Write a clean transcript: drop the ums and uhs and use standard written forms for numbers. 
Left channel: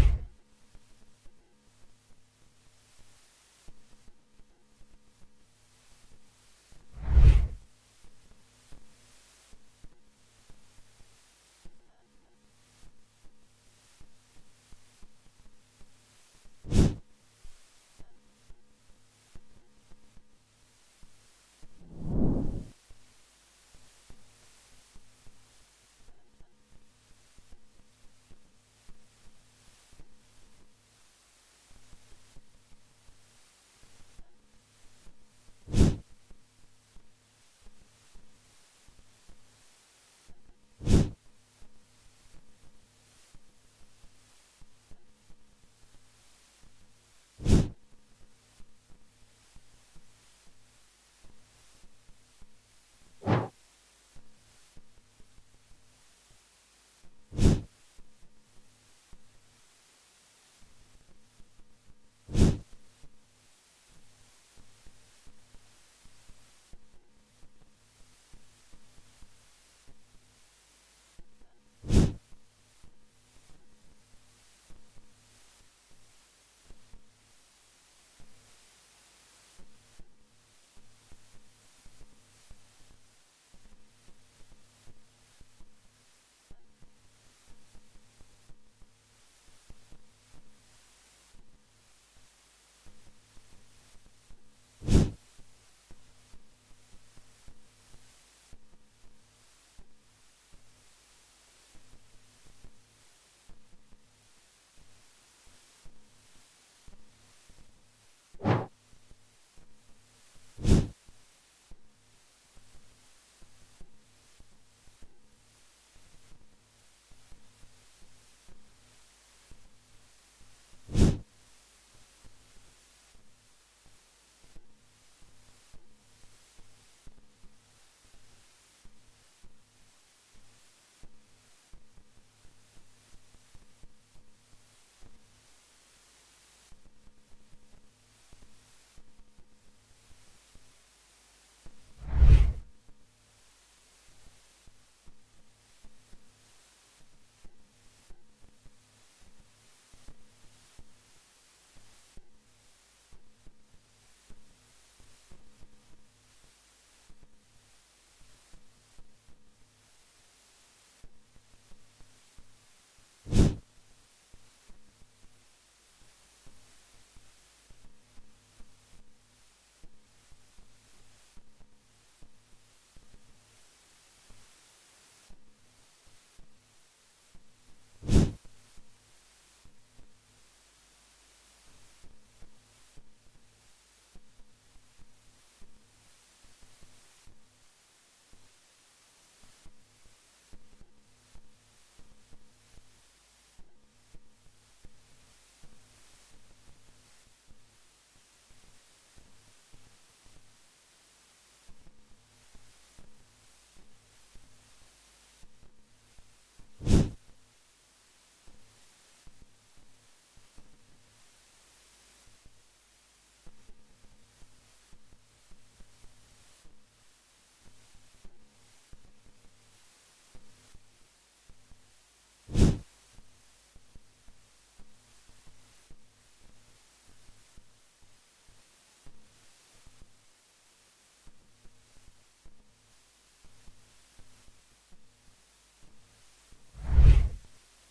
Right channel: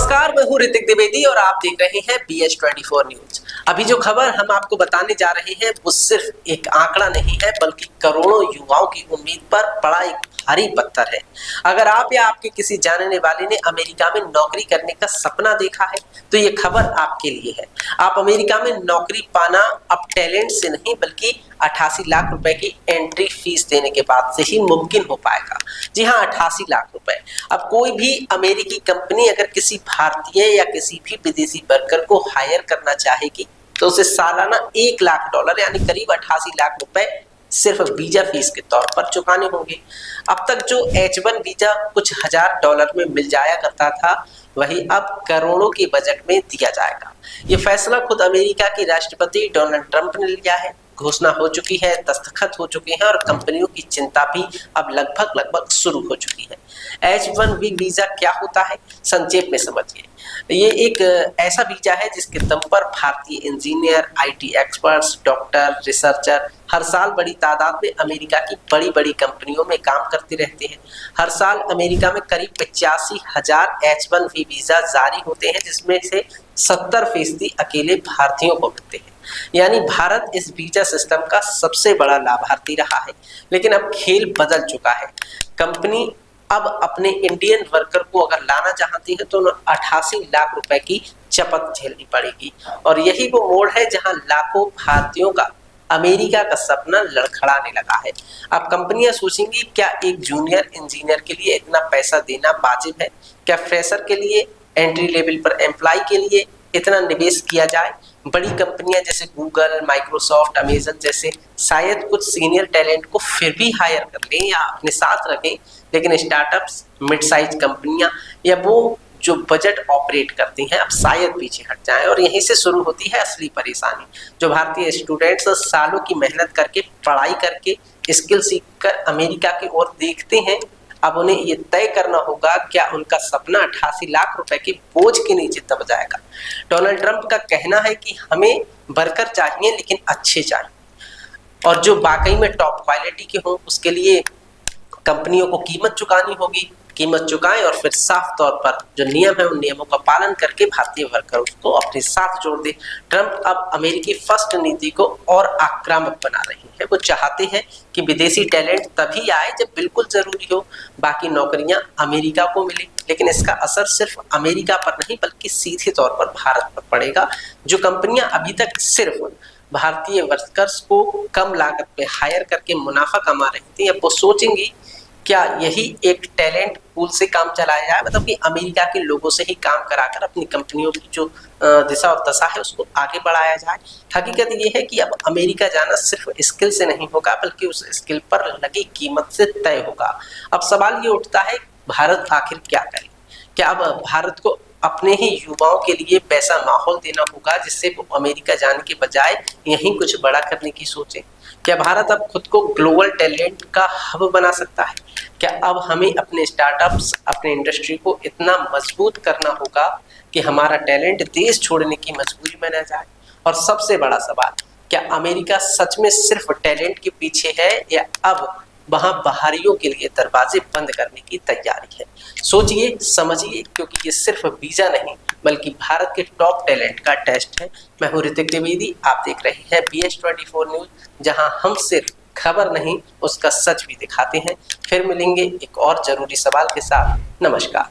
नमस्कार, मैं हूँ ऋतिक द्विवेदी और आप देख रहे हैं BH24 न्यूज। अभी जो खबर हम आपको बताने जा रहे हैं वो सिर्फ एक आंकड़ा नहीं है बल्कि करोड़ों युवाओं की उम्मीद पर पड़ा एक भारी पत्थर है। अगर आप या आपके किसी जानने वाले ने अमेरिका में नौकरी करने का सपना देखा है तो ये खबर आपके लिए है। आप अमेरिका में नौकरी पाना अब टैलेंट से नहीं बल्कि 88 लाख रुपए की एंट्री फीस देने के बाद से ही मुमकिन हो पाएगा। जी हाँ, 88 लाख रुपए। अब कोई भी अमेरिकी कंपनी अगर किसी भारतीय या किसी भी विदेशी वर्कर को हायर करना चाहेगी तो उसे सालाना $1 लाख यानी करीब 88 लाख रुपए सिर्फ वीजा फीस के तौर पर चुकाने होंगे। अब तक जो H1 वीजा कुछ $1000 में मिल जाया करता था वही अब करोड़ों के बजट में दिया जाएगा। ये फैसला खुद अमेरिका के राष्ट्रपति डोनाल्ड ट्रंप ने लिया है। घोषणा हो चुकी है, दस्तखत हो चुके हैं और कंपनियों की चिंता भी अब लगभग शुरू हो चुकी है। H1B वीजा क्या होता है, संक्षेप में समझिए। ये एक ऐसा वीजा है जिसके दम पर भारतीय engineer, IT experts, doctor, researcher हर साल बड़ी तादाद में अमेरिका की बड़ी कंपनियों में काम करते रहते हैं। हर साल अमेरिका में करीब 85,000 H1B वीजा जारी होते हैं जिसमें से 70% अकेले भारतीयों को मिलते हैं। यानी भारत इस वीजा सिस्टम का सबसे बड़ा लाभार्थी रहा है। लेकिन अब खेल बदल चुका है। कंपनी अब अपने इंडियन वर्कर को अगर लाना चाहती है तो 88 लाख रुपए की चपत झेलनी पड़ेगी और यही वो मोड़ है जहां लाखों भारतीयों का अमेरिका का सपना लड़खड़ाने लगा है। अब कंपनियां सोचेंगी, क्या एक जूनियर इंजीनियर के लिए इतना पैसा देना वाजिब है? क्या फ्रेशर के लिए, एंट्री लेवल पर एम्प्लॉय के लिए इतना निवेश किया जाए? बड़ी कंपनियां जैसे गूगल, माइक्रोसॉफ्ट, अमेजन जैसे शायद कुछ सीनियर टैलेंट को फिर भी हायर कर लें या अपने साथ रखें, लेकिन स्टार्टअप्स, मिड साइज कंपनियां या वो जो बजट ऑपरेट करती हैं अब शायद पीछे हट जाएं और यहीं से शुरू होती है असली परेशानी। जो भारतीय स्टूडेंट्स सालों की मेहनत करके, पढ़ाई करके, स्किल सीखकर अमेरिका की ओर देखते हैं, अब उन्हें ये तय करना होगा क्या उनका सपना 88 लाख रुपए के बोझ के नीचे दब जाएगा। डोनाल्ड ट्रंप का कहना है कि हमें वर्कर चाहिए लेकिन अच्छे चाहिए और जो वाकई में टॉप क्वालिटी के हों। उसके लिए कंपनियों को कीमत चुकानी होगी। कीमत चुकाएं और फिर साफ तौर पर जो नियम है उन नियमों का पालन करके भारतीय वर्करों को अपने साथ जोड़ दे। ट्रंप अब अमेरिकी फर्स्ट नीति को और आक्रामक बना रही है। वो चाहते हैं कि विदेशी टैलेंट तभी आए जब बिल्कुल जरूरी हो, बाकी नौकरियां अमेरिका को मिले। लेकिन इसका असर सिर्फ अमेरिका पर नहीं बल्कि सीधे तौर पर भारत पर पड़ेगा। जो कंपनियां अभी तक सिर्फ भारतीय वर्कर्स को कम लागत पे हायर करके मुनाफा कमा रही थी, अब वो सोचेंगी क्या यही एक टैलेंट पूल से काम चलाया जाए, मतलब कि अमेरिका के लोगों से ही काम कराकर अपनी कंपनियों की जो दिशा और दशा है उसको आगे बढ़ाया जाए। हकीकत ये है कि अब अमेरिका जाना सिर्फ स्किल से नहीं होगा बल्कि उस स्किल पर लगी कीमत से तय होगा। अब सवाल ये उठता है, भारत आखिर क्या करे? क्या अब भारत को अपने ही युवाओं के लिए वैसा माहौल देना होगा जिससे वो अमेरिका जाने के बजाय यहीं कुछ बड़ा करने की सोचे? क्या भारत अब खुद को ग्लोबल टैलेंट का हब बना सकता है? क्या अब हमें अपने स्टार्टअप्स, अपने इंडस्ट्री को इतना मजबूत करना होगा कि हमारा टैलेंट देश छोड़ने की मजबूरी में न जाए? और सबसे बड़ा सवाल, क्या अमेरिका सच में सिर्फ टैलेंट के पीछे है या अब वहां बाहरियों के लिए दरवाजे बंद करने की तैयारी है? सोचिए, समझिए, क्योंकि ये सिर्फ वीजा नहीं बल्कि भारत के टॉप टैलेंट का टेस्ट है। मैं हूं ऋतिक द्विवेदी, आप देख रहे हैं BH24 न्यूज, जहां हम सिर्फ खबर नहीं उसका सच भी दिखाते हैं। फिर मिलेंगे एक और जरूरी सवाल के साथ। नमस्कार।